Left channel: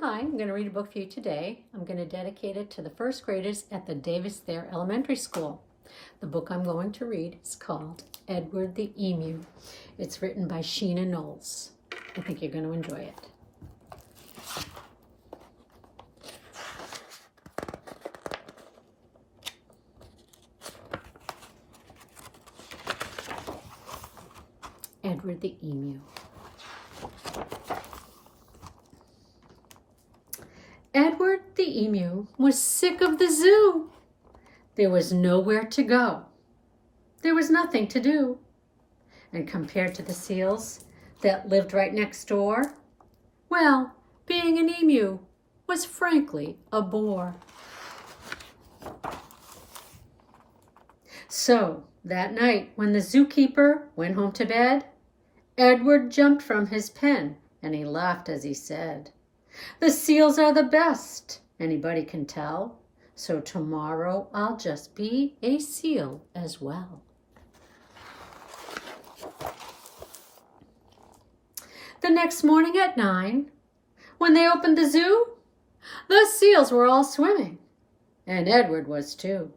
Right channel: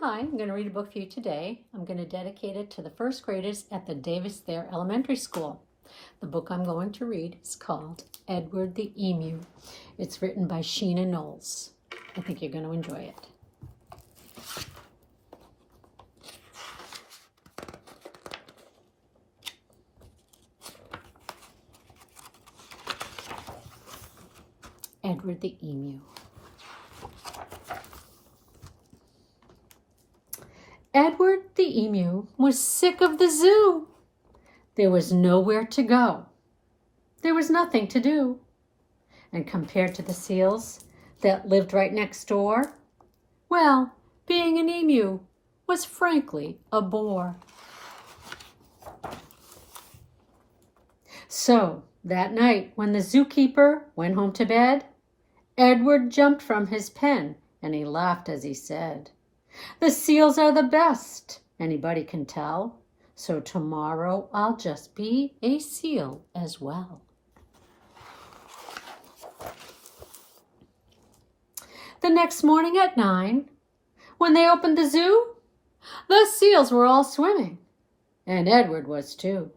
Hi, I'm going to read a book for you today. I'm going to dedicate it to the first graders at the Davis Thayer Elementary School. The book I'm going to read is called Edward the Emu. It's written by Sheena Knowles. I think you're going to enjoy it. Edward the Emu. Edward the Emu was sick of the zoo. There was nowhere to go. There was nothing to do. And compared to the seals that lived right next door, well, being an emu was frankly a bore. So that night when the zookeeper went home to bed, Edward jumped from his pen and he laughed as he said, "The seals are the best, anybody can tell, so tomorrow I'll just be a seal as well." The next morning at 9, when they opened the zoo, the seals were all swimming, and Edward was too.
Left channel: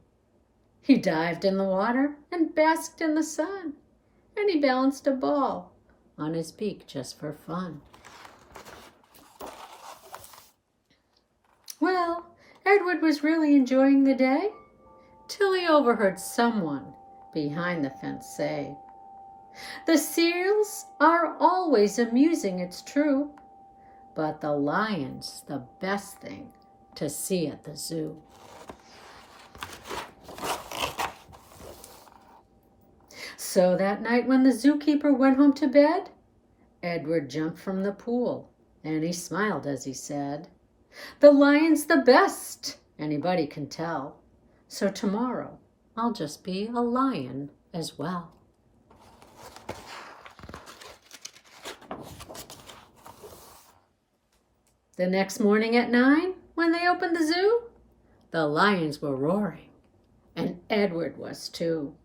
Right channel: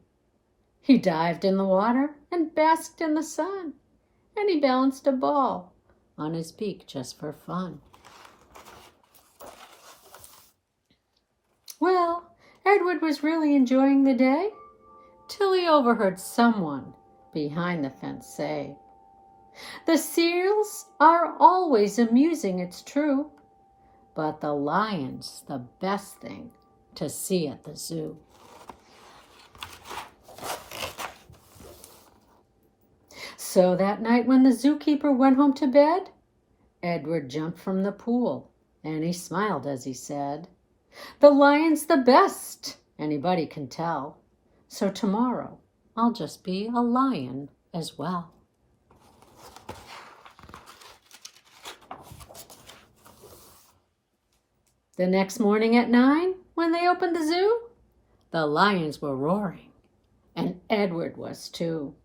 He dived in the water and basked in the sun, and he balanced a ball on his beak just for fun. Well, Edward was really enjoying the day till he overheard someone behind the fence say, "The seals are always amusing, it's true, but the lion's the best thing to see at the zoo." So that night when the zookeeper went home to bed, Edward jumped from the pool and he smiled as he said, "The lion's the best, anybody can tell, so tomorrow I'll just be a lion as well." The next morning at 9, when they opened the zoo, the lions were roaring, and Edward was too.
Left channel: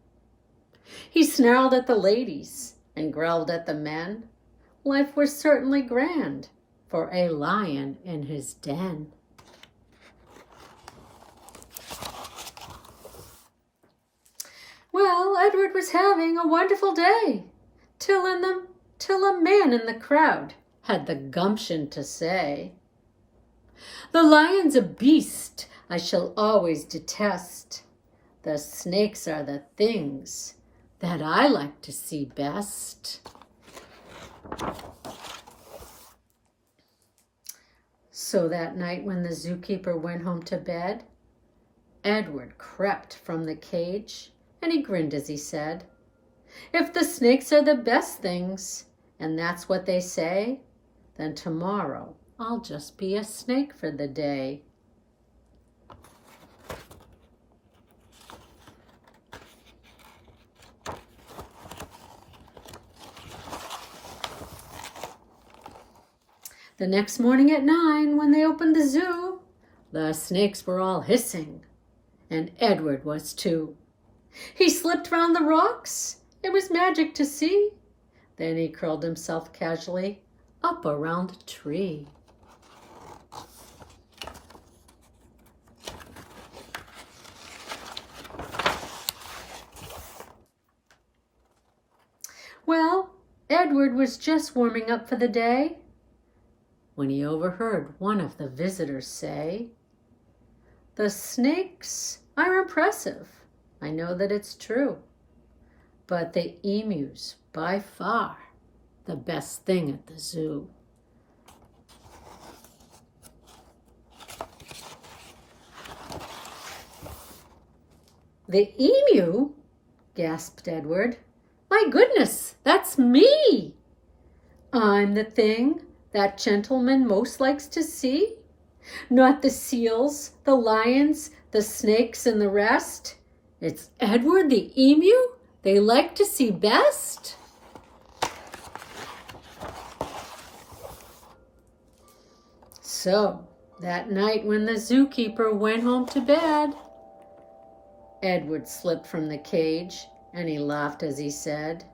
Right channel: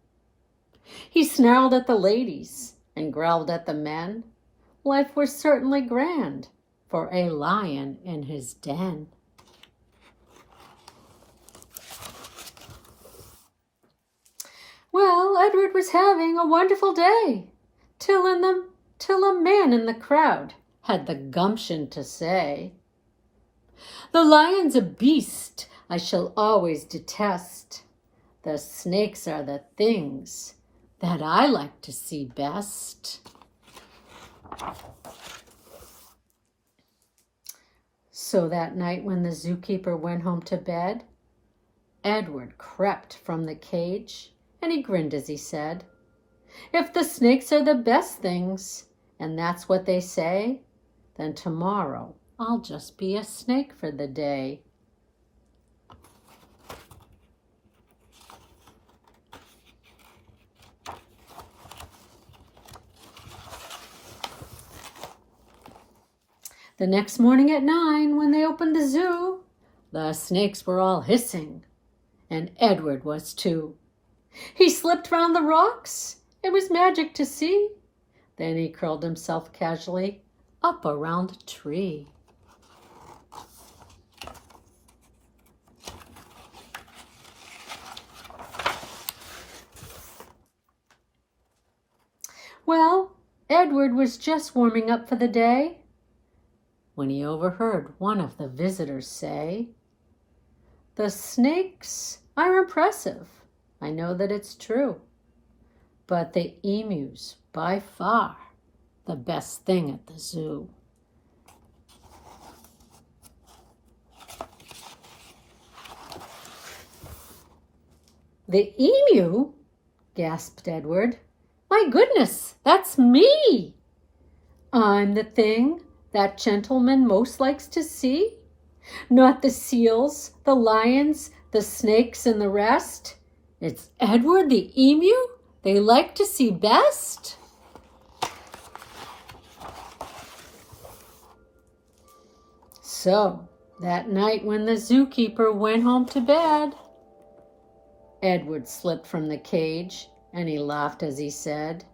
He snarled at the ladies and growled at the men. Life was certainly grand for a lion in his den. Well, Edward was having a wonderful day, till a man in the crowd had the gumption to say, "The lion's a beast I shall always detest. The snakes are the things that I like to see best." So that night when the zookeeper went home to bed, Edward crept from the cage and he grinned as he said, "If the snakes are the best things, and that's what they say, then tomorrow I'll just be a snake for the day." The next morning at 9, when they opened the zoo, the snakes were all hissing, and Edward was too. He slipped round the rocks. It was magic to see. Then he curled himself casually up around the tree. Well, Edward was just warming up for the day when he overheard one of the visitors say, "The snakes are impressive, I know that it's true, but the emu's by far the best thing at the zoo." "The emu?" gasped Edward. "My goodness, that's me! I'm the thing that gentleman most likes to see, not the seals, the lions, the snakes, and the rest. It's Edward the emu they like to see best." So that night when the zookeeper went home to bed, Edward slipped from the cage and he laughed as he said,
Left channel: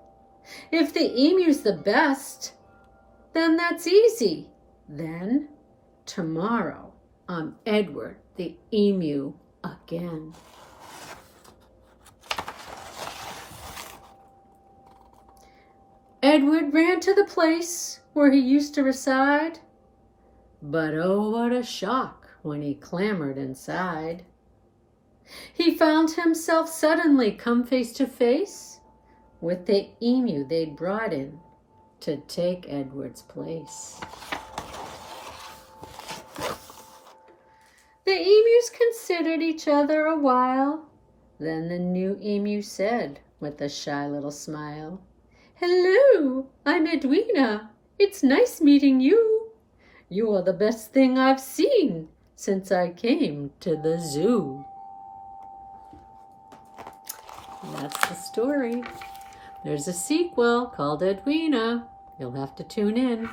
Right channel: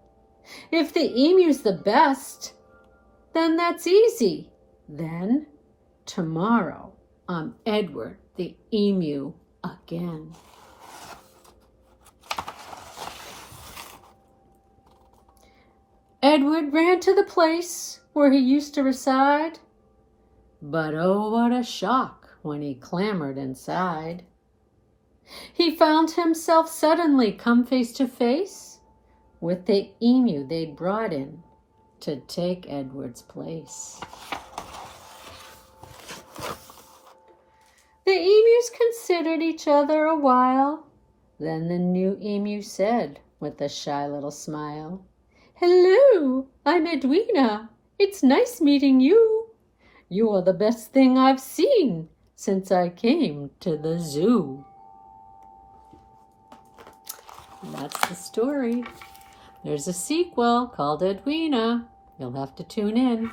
"If the emu's the best, then that's easy. Then tomorrow I'm Edward the Emu again. Edward ran to the place where he used to reside, but oh, what a shock when he clambered inside. He found himself suddenly come face to face with the emu they'd brought in to take Edward's place. The emus considered each other a while. Then the new emu said with a shy little smile, "Hello, I'm Edwina. It's nice meeting you. You're the best thing I've seen since I came to the zoo." And that's the story. There's a sequel called Edwina. You'll have to tune in.